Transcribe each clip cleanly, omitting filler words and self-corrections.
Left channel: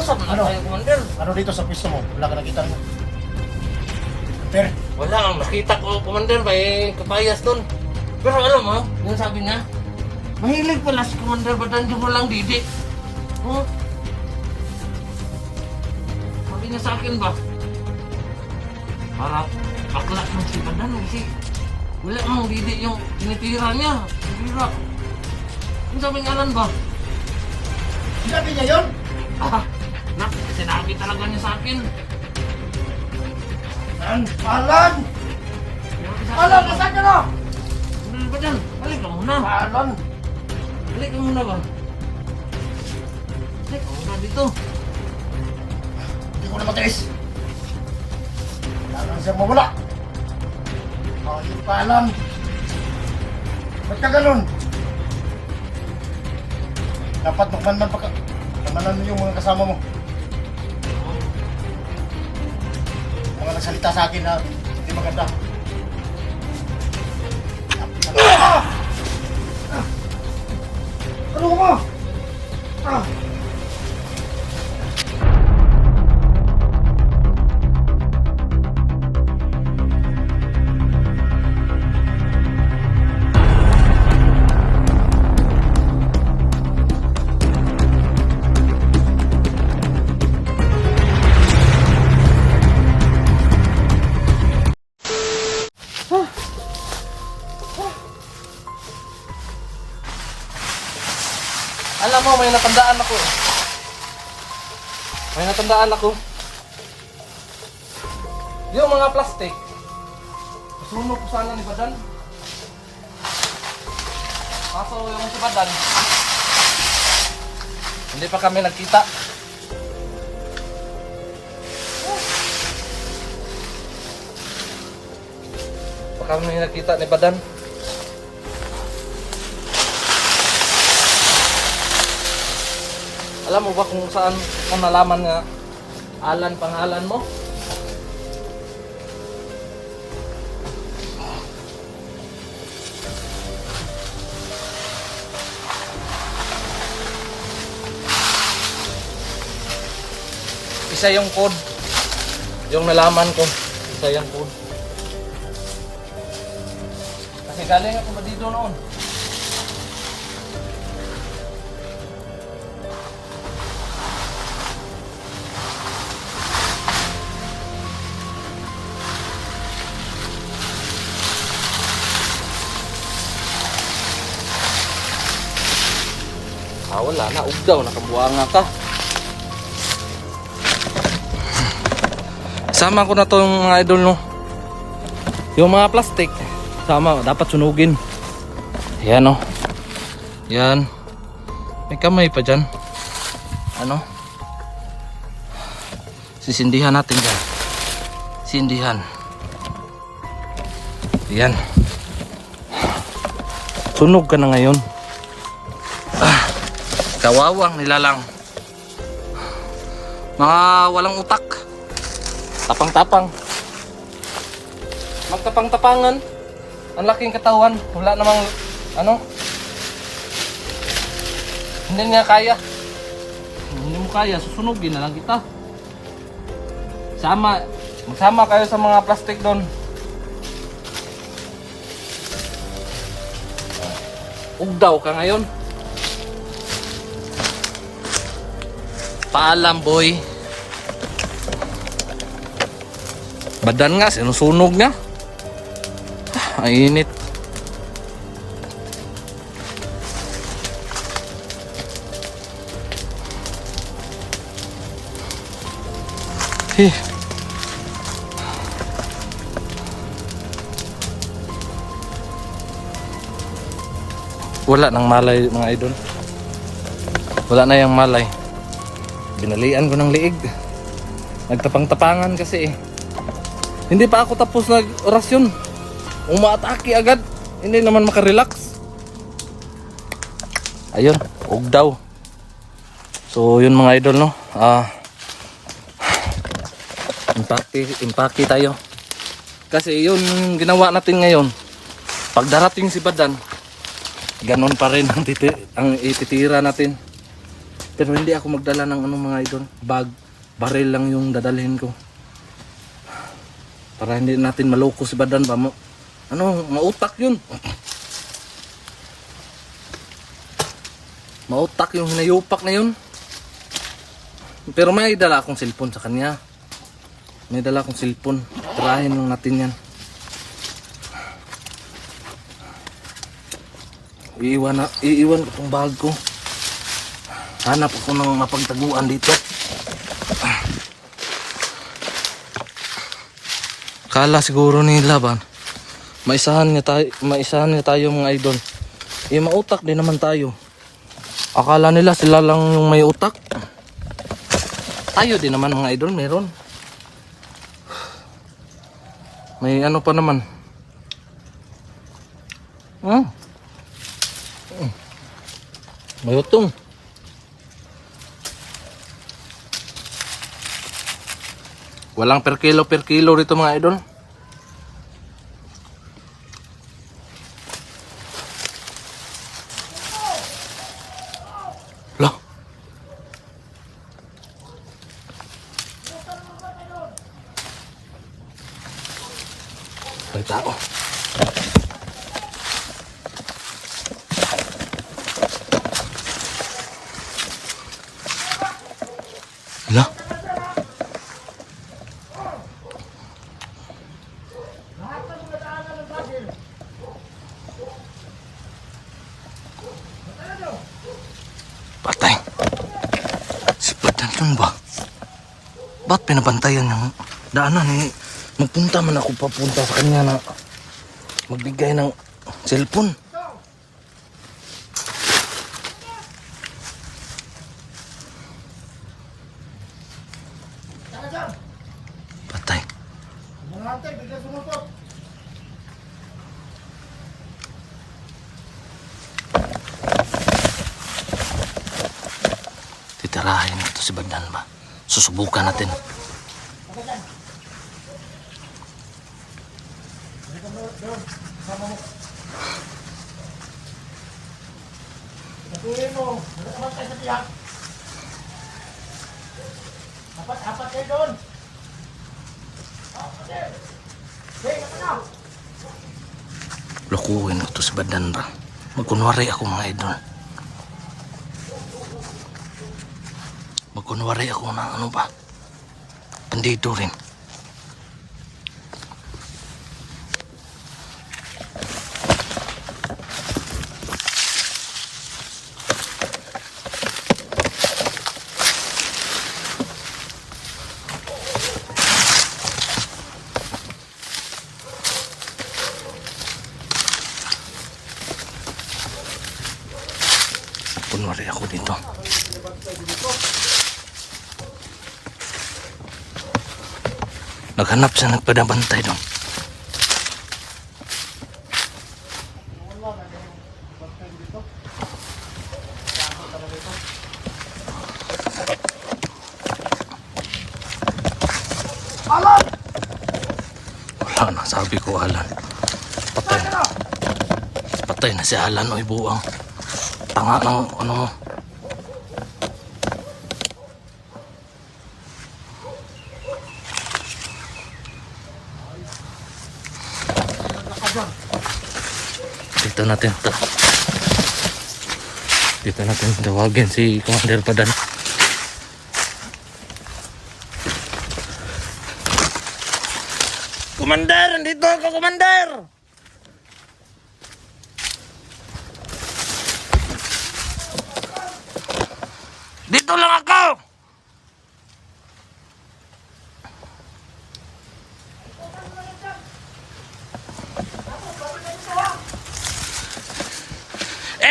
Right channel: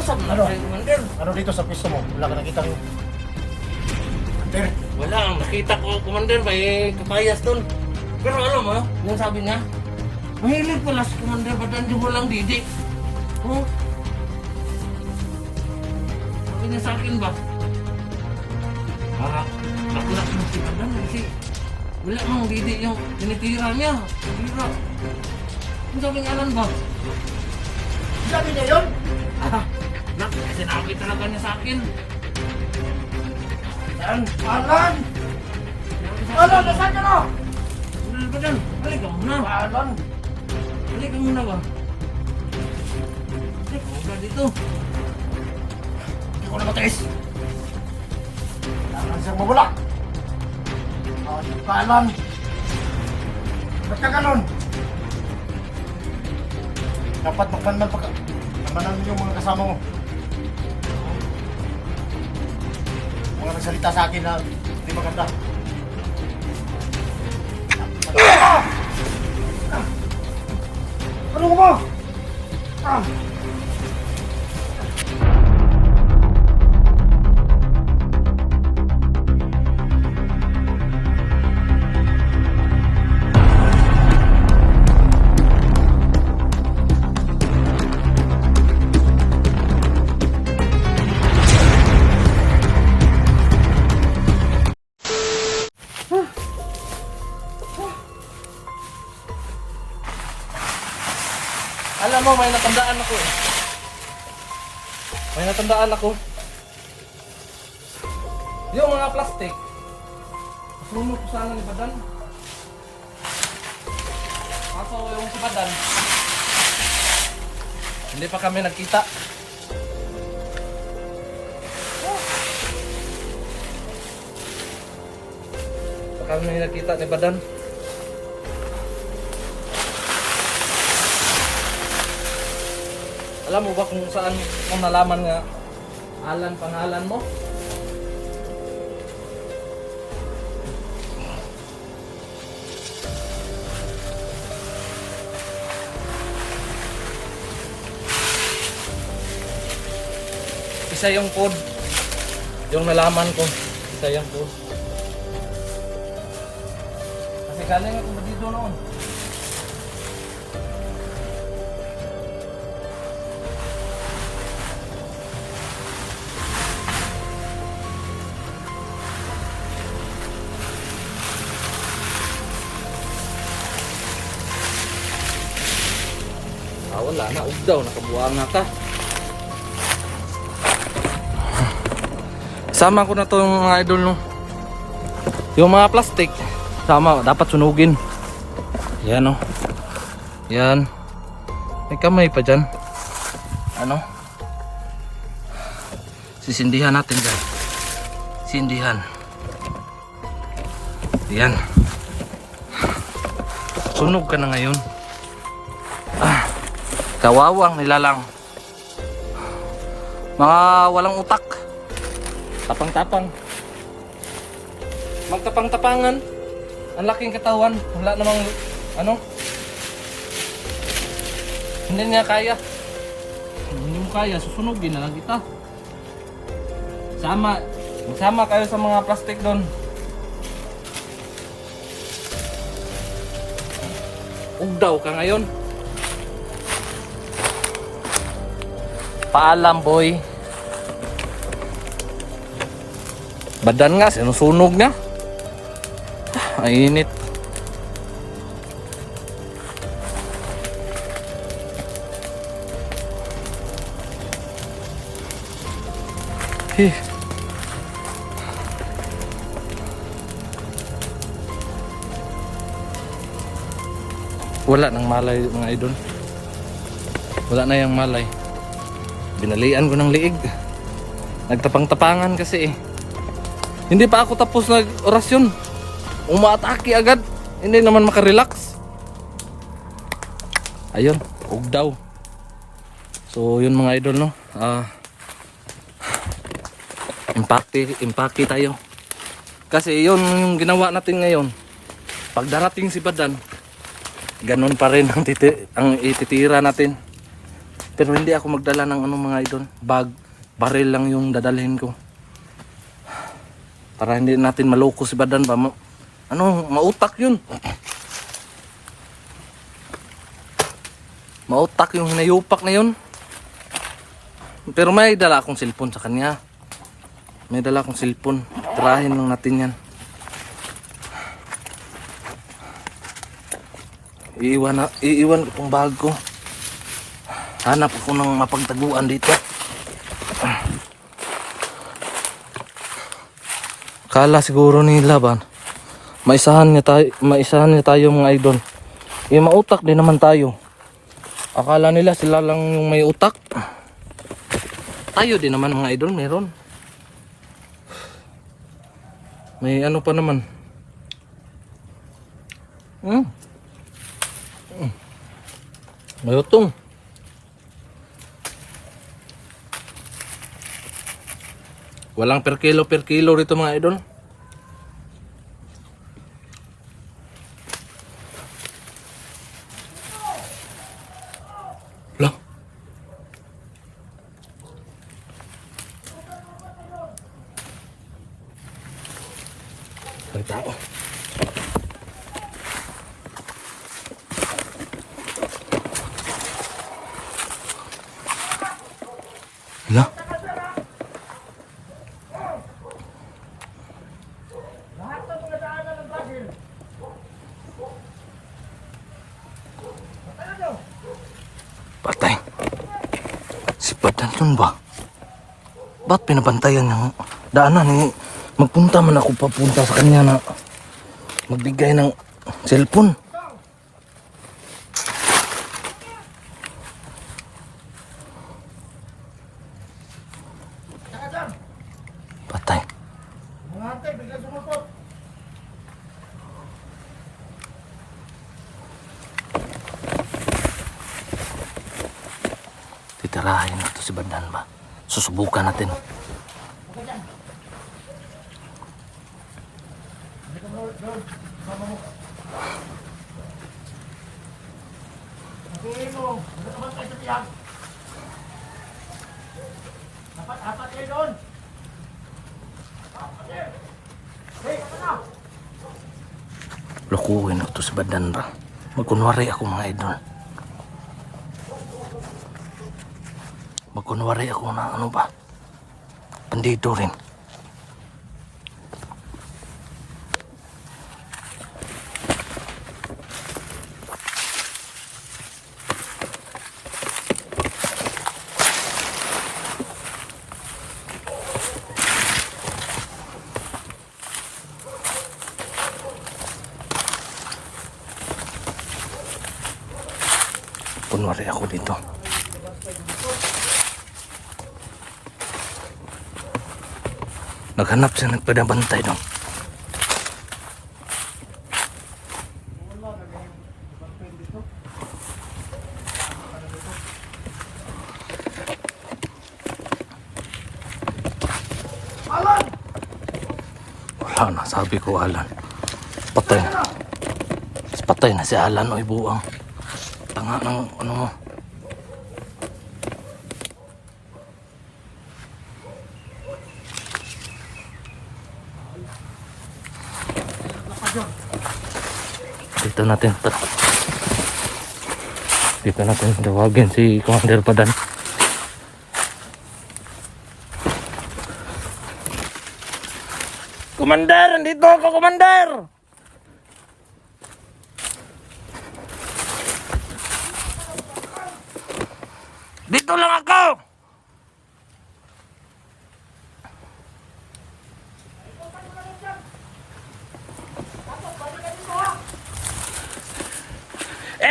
Usap na Ano? tayo, Commander. Ano dito sa pwesto mo? Wala ka nakita ng... Pero, Wala ang nakita ko, Commander, may kapayas doon. Pero alam mo, yung sabi niya, mahilig pala si Commander Badan, di mo lang didik. Oh. Sabi niya sa akin ba? Harap, aklat ng si Badan kasi wala mang didik yung tinitira niya. Tinitira. Yung sabi niya, Alan ba? sinabi niya yun? Ah, nak, sinabi talaga niya sa akin. Yan, Alan! Sinabi sa Alan, akin, nasaan ka na? Commander Badan, balik ka muna. Alan! Balik ka muna ba? Balik ka muna dito. Hindi ko na matiis. Kailangan siyang mawala. Ayun ka, Alan. Ba't ka ganun? Dapat magmanman pa ka. Namanan mo yung mga kasama mo. Mga nagsalita sa akin na hindi maganda. Ah! Ano mo? Ah! Alam mo, may natandaan ako eh. May natandaan ako. Yung mga plastic, masunog ko sana ni Badan. Kaso yung si Badan, hindi pa kami nagkita. Pa kami nagkita ni Badan. Alam mo ba kung saan mo nalaman nga Alan pangalan mo? Isa yung code. Yung nalaman ko. Isa yung code. Kasi galing ako ba dito noon? Ah, wala na. Ugdaw. Nakabuanga ka. Sama ko na to yung mga idol, no. Yung mga plastic. Sama. Dapat sunugin. Yan, no. Yan. May kamay pa dyan. Ano? Sisindihan natin dyan. Sindihan. Yan. Sunog ka na ngayon. Kawawang nilalang. Mga walang utak. Tapang-tapang. Magtapang-tapangan. Ang laking katawan. Wala namang ano. Hindi niya kaya. Hindi mo kaya. Susunugin na lang kita. Sama. Magsama kayo sa mga plastic doon. Ugdaw ka ngayon. Paalam, boy. Badan nga, sinusunog niya. Ay, init. Wala nang malay, mga idol. Wala na yung malay. Binalian ko ng liig. Nagtapang-tapangan kasi eh. Hindi pa ako tapos nag-orasyon. Umaatake agad. Hindi naman makarelax. Ayun, ugdaw. So yun mga idol, no. Impacti tayo. Kasi yun yung ginawa natin ngayon. Pag darating si Badan, ganon pa rin ang ititira natin. Pero hindi ako magdala ng anong mga idol. Bag, baril lang yung dadalhin ko. Para hindi natin maloko si Badan ba. Mautak yun. Mautak yung hinayupak na yun. Pero may dala akong cellphone sa kanya. May dala akong cellphone. Tirahin lang natin yan. Iiwan ko itong bag ko. Hanap ako ng mapagtaguan dito. Kala siguro nila ba maisahan niya tayo mga idol. Mautak din naman tayo. Akala nila sila lang yung may utak. Tayo din naman mga idol, meron. May ano pa naman. May utong. Walang per kilo rito mga idol. Loh. May tao. Lah. Patay. Si Badan yun ba? Ba't pinabantayan niya? Daanan eh. Magpunta man ako papunta sa kanya na magbigay ng cellphone. Patay. Titirahin na to si Badan ba? Susubukan natin. Natuloy mo. Magkakabat kayo sa tiyak. Apat kayo doon. Lokuhin na to si Badan ba? Magkunwari ako mga idol. Magkunwari ako na ano ba? Bandido rin. Kunwari ako dito. Naghanap siya, nagpadabantay doon. Alan! Wala na, sabi ko Alan. Patay. Patay na si Alan o ibuang. Tanga ng ano mo. Dito natin tawagin si Commander Badan. Commander, dito ako, Commander. Dito lang ako.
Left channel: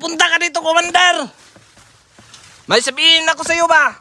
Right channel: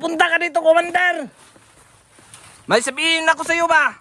Punta ka dito, Commander. May sabihin ako sa iyo ba?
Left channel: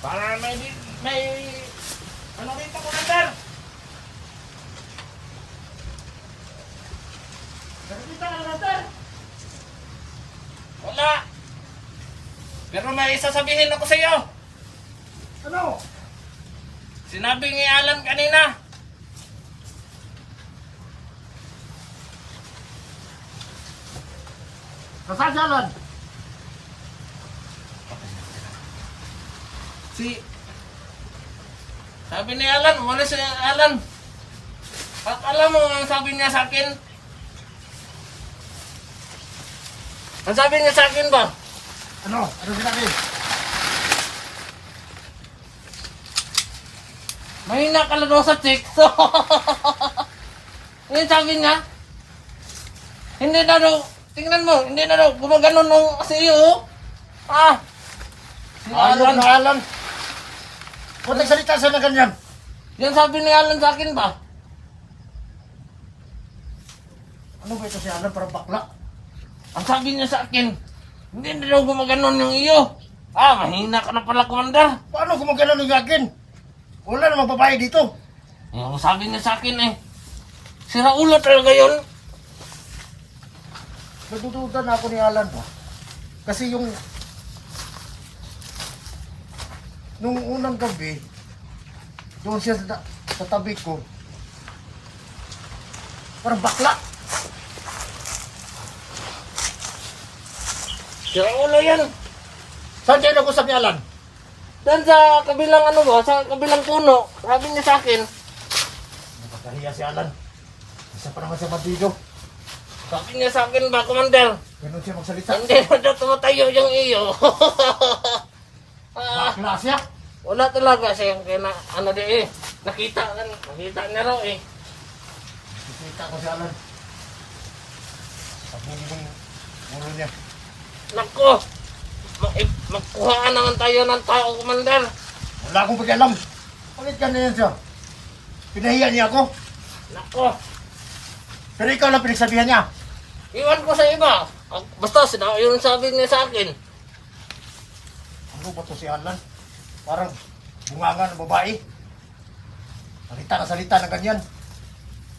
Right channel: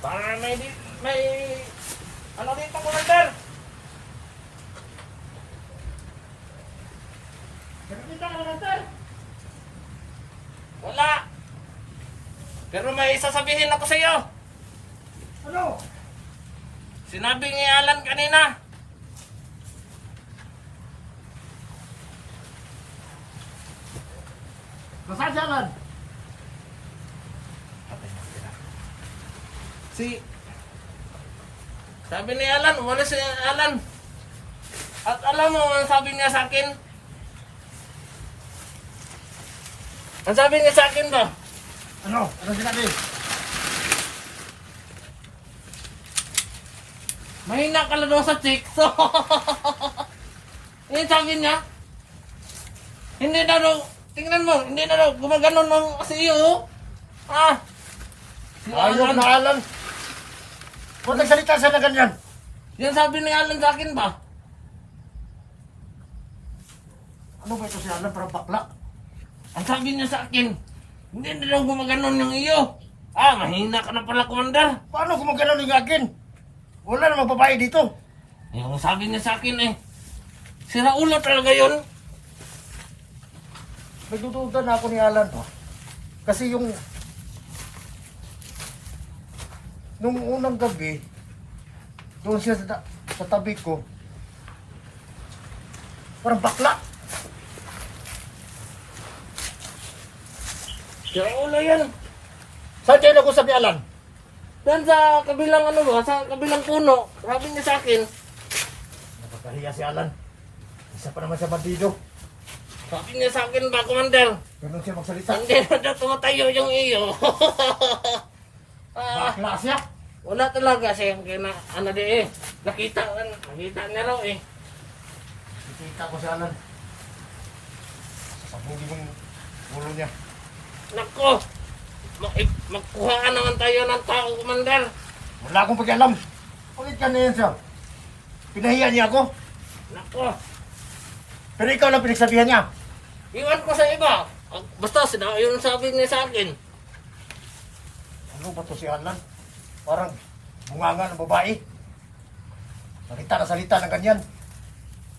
Para may ano dito, Commander? Nakikita ka na, Commander? Wala. Pero may sasabihin ako sa iyo. Ano? Si Sinabi ni Alan kanina. Nasaan si Alan? Sabi ni Alan, umalis si Alan. At alam mo ang sabi niya sa akin? Ang sabi niya sa akin ba? Ano? Ano sinabi? Mahina ka lang daw sa chicks. Yung sabi niya, hindi na daw, tingnan mo, hindi na daw, gumaganon ng CEO. Ah! Si Ayok na Alan. Kung nagsalita siya na ganyan. Yan sabi ni Alan sa akin ba? Ano ba ito si Alan? Parang bakla. Ang sabi niya sa akin, hindi na daw gumaganon yung iyo. Ah, mahina ka na pala, Commander. Paano gumagano ng akin? Wala namang babae dito. Yung sabi niya sa akin si Raula talaga yun. Nagdududa na ako ni Alan pa. Kasi nung unang gabi, doon siya sa tabi ko, parang bakla. Si Raula yan. Saan kayo nag-usap ni Alan? Dan sa kabilang sa kabilang puno, sabi niya sa akin, Nakakahiya si Alan. Isa pa naman sa bandido. sabi niya sa akin ba, Commander, Ganun siya magsalita. hindi na daw tumatayo yung iyo. Bakla siya. Wala talaga siyang nakita niya raw eh. Nakikita ko si Alan. Pabugi ng ulo niya. Nako, magkuhaan naman tayo ng tao, Commander. Wala akong pakialam. Bakit ka na yan siya? Pinahiya niya ako. Nako, Pero ikaw lang pinagsabihan niya. iwan ko sa iba. Basta yun sabi niya sa akin. Ano ba to si Alan? Parang bunganga ng babae. Salita na ganyan.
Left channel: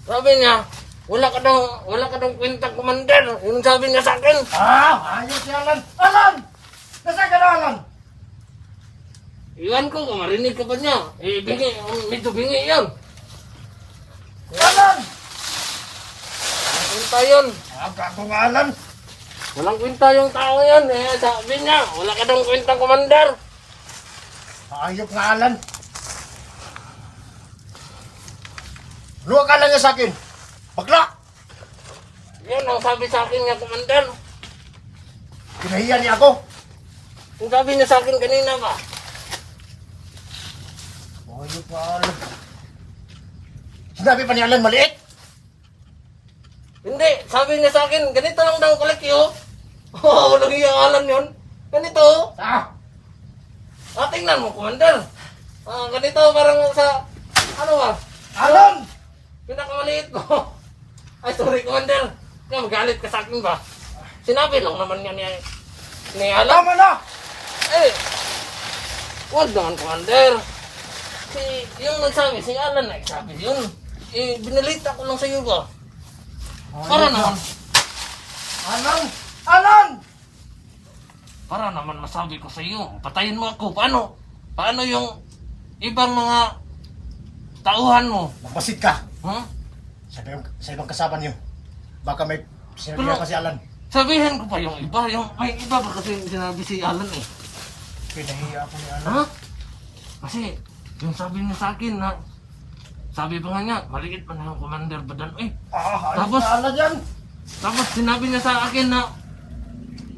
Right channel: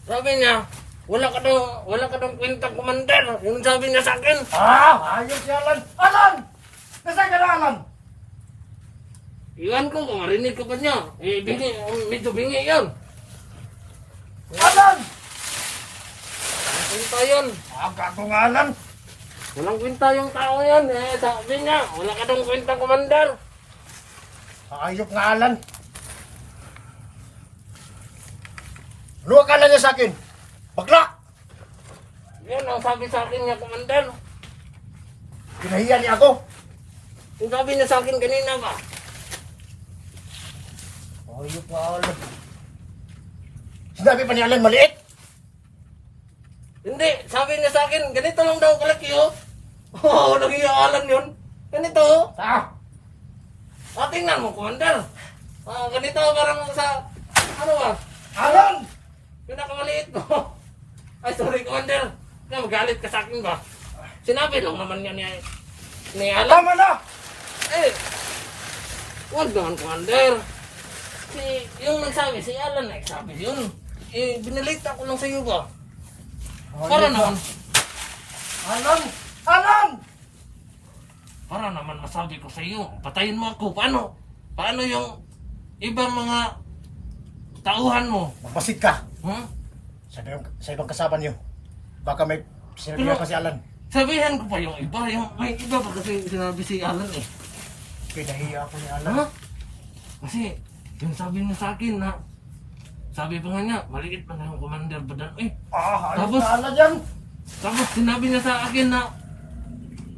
Sabi niya, wala ka daw kwentang, Commander. Yun sabi niya sa akin. Ayos si Alan. Alan! Nasaan ka na, Alan? Iwan ko, kung marinig ka ba niya? Medyo bingi yun. Alan! Walang kwenta yun. Gago nga, Alan. Walang kwenta yung tao yun. Sabi niya, wala ka daw kwentang, Commander. Ayok nga, Alan. Ano akala niya sa akin? Bakla! Yan ang sabi sa akin niya, Commander. Pinahiya niya ako. Yung sabi niya sa akin kanina ba? Ayok nga, Alan. Sinabi pa ni Alan maliit. Hindi, sabi niya sa akin, ganito lang daw kalaki oh. Oo, nag-iaalan yun. Ganito. Tingnan mo, Commander. Ganito parang sa, ba? Alan! Pinakamaliit ko. Ay, sorry, Commander. Kaya magalit ka sa akin ba? Sinabi lang naman nga ni Alan. Tama na! Huwag naman, Commander. Yung nagsabi, si Alan na sabi yun. Binalita ko lang sa iyo ba? Para naman. Alan! Alan! Para naman masabi ko sa iyo, patayin mo ako. Paano? Paano yung ibang mga tauhan mo? Magmasid ka Huh? sa ibang kasama niyo. Baka may sinabihan pa si Alan. Sabihan ko pa yung iba. May iba ba kasi sinabi si Alan eh? Pinahiya ako ni Alan. Ha? Kasi yung sabi niya sa akin na sabi pa nga niya, maliit pa na yung Commander Badan. Ayos Tapos- na Alan yan. Tapos sinabi niya sa akin na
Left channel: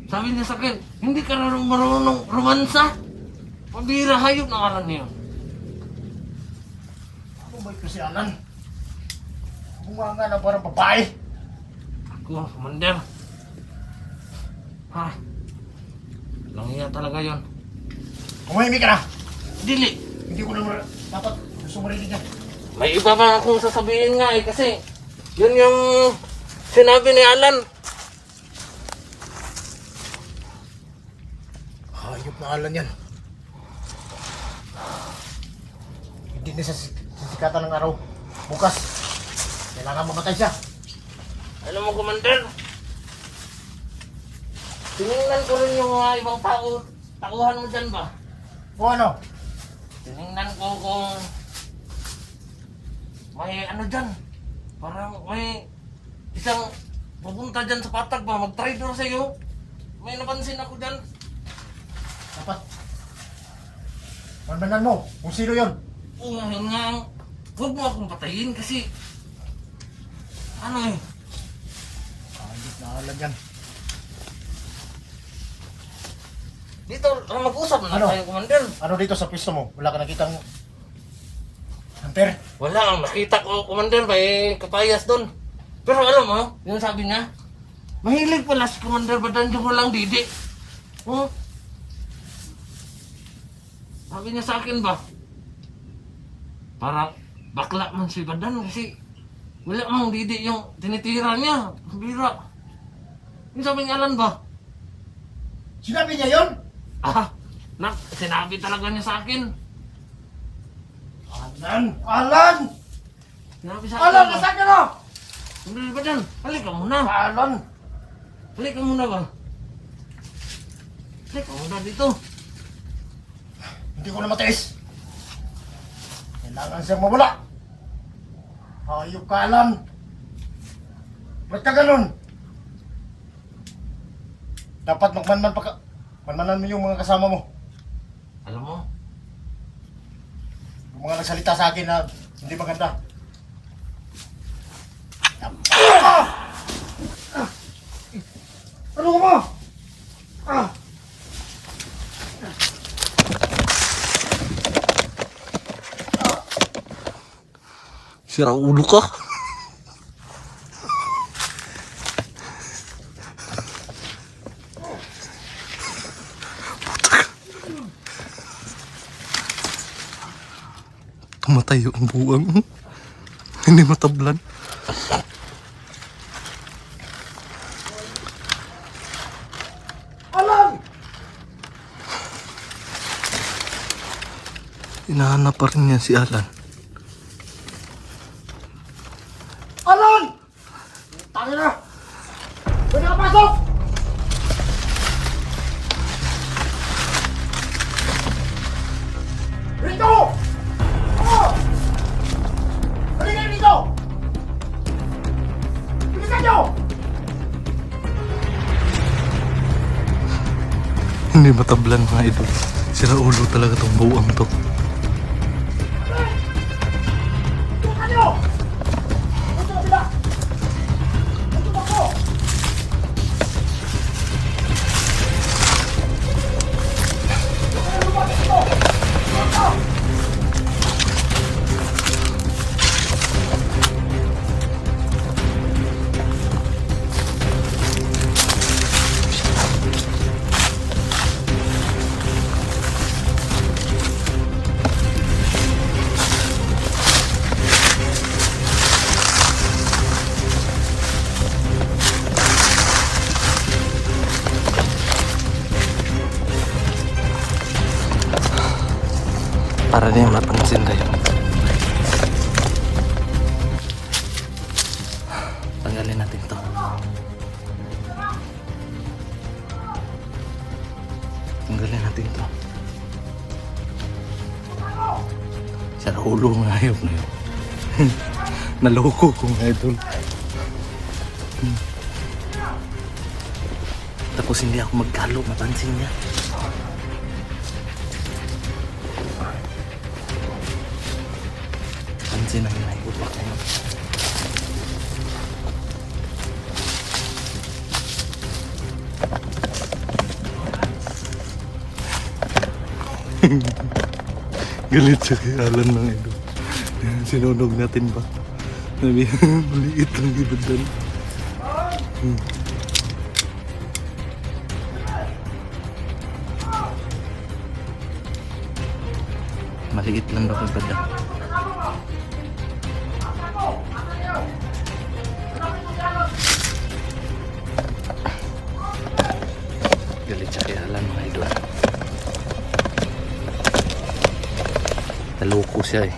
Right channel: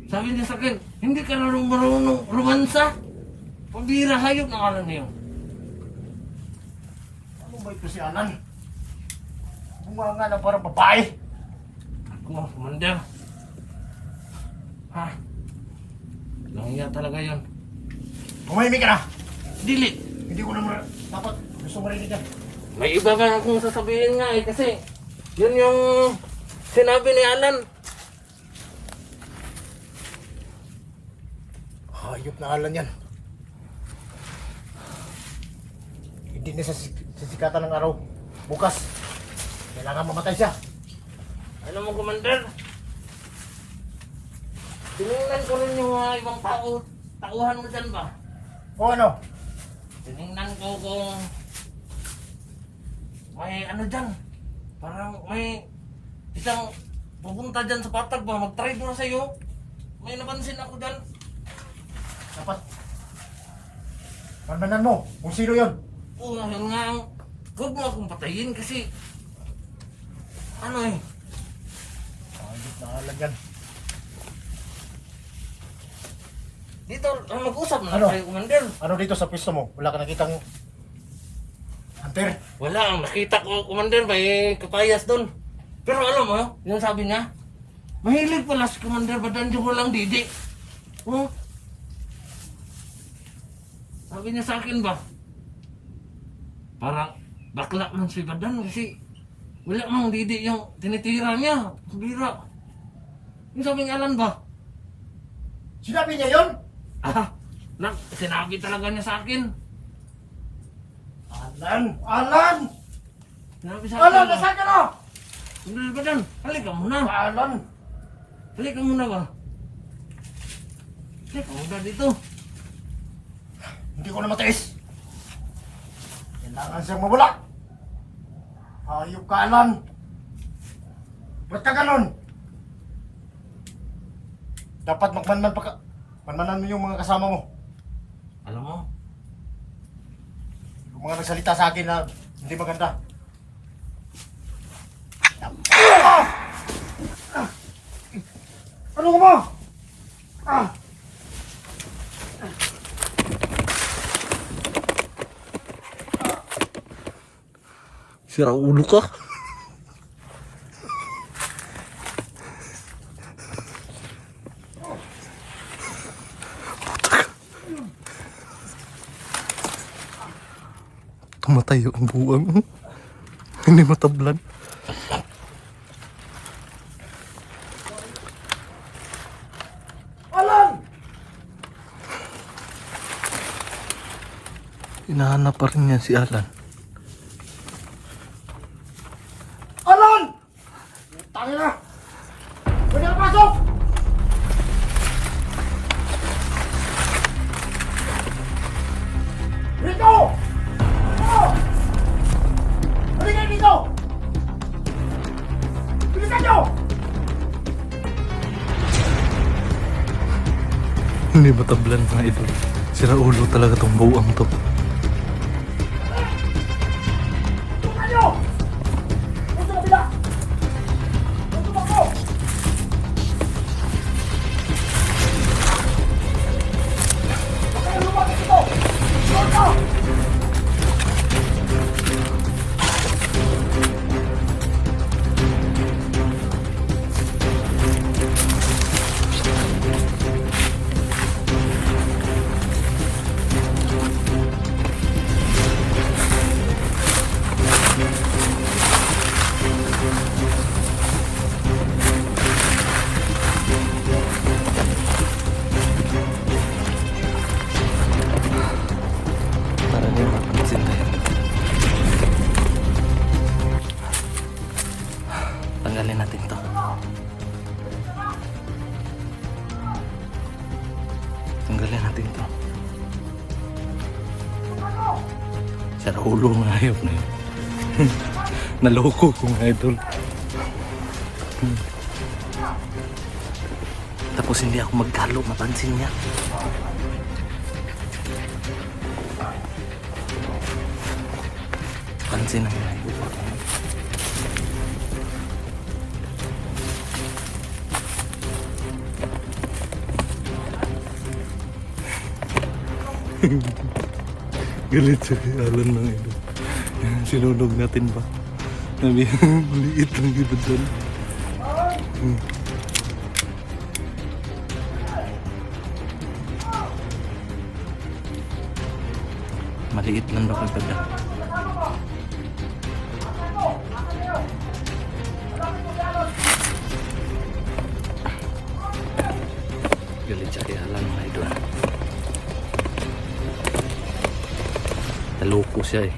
sabi niya sa akin, hindi ka na marunong romansa. Pabira, hayop na Alan niyo. Ano ba ito si Alan? Bunganga na parang babae. Ako, Commander. Ha? Langya talaga yon. Tumahimik ka na. Dili. Hindi ko naman dapat gusto marinig yan. May iba pa akong sasabihin nga eh kasi yun yung sinabi ni Alan. Hayop na Alan yan. Hindi na sa sisikatan ng araw. Bukas, kailangan mamatay siya. Alam mo, Commander, tinignan ko rin yung mga ibang tauhan mo dyan ba? O ano? Tinignan ko kung may ano dyan. Parang may isang pupunta dyan sa patag ba, mag-traitor sa'yo. May napansin ako dyan. Dapat. Manmanan mo kung sino yun. Oo, yun nga ang... Huwag mo akong patayin kasi... Ano eh? Ayos na alam yan. Dito, mag-usap na Ano? tayo, Commander. Ano dito sa pwesto mo? Wala ka nakitang hunter? Wala, ang nakita ko, Commander, may kapayas doon. Pero alam mo, yung sabi niya, mahilig pala si Commander, ba't mo lang didi? Oh? Sabi niya sa akin ba? Parang bakla man si Badan kasi wala mang didi yung tinitira niya. Bira. Yung sabi ng Alan ba? Sinabi niya yun? Ah, sinabi talaga niya sa akin. Alan! Sinabi sa akin Alan, ba? nasaan ka na? Commander Badan, halika muna. Alan! Halika muna ba? Halika muna dito. Hindi ko na matiis. Kailangan siyang mawala. Hayop ka, Alan. Ba't ka ganun? Dapat magmanman pa ka. Manmanan mo yung mga kasama mo. Alam mo, Yung mga nagsalita sa akin na hindi maganda. Ano ka ba? sira ulo ka. Tumatayo ang buwang. Hindi matablan. Alan! Hinahanap pa rin niya si Alan. Alan! Tayo na! Pwede ka pasok! Rito! Oh! Halika dito! Bilisan nyo! Hindi matablan mga idol. Sira ulo talaga tong buwang to. Tukan nyo! Dito ka bila! Dito ka po! Para niya mapansin tayo. Tanggalin natin to. Tanggalin natin to. Sira ulo mga hayop na yun. Naloko ko mga idol. Tapos hindi ako magkalo, mapansin niya. Pansin ang hayop ako. Galit siya kay Alan mga idol. Sinunog natin ba? Sabi, maliit lang iba dyan. Maliit lang daw iba dyan. Galit siya kay Alan mga idol. Taloko siya eh.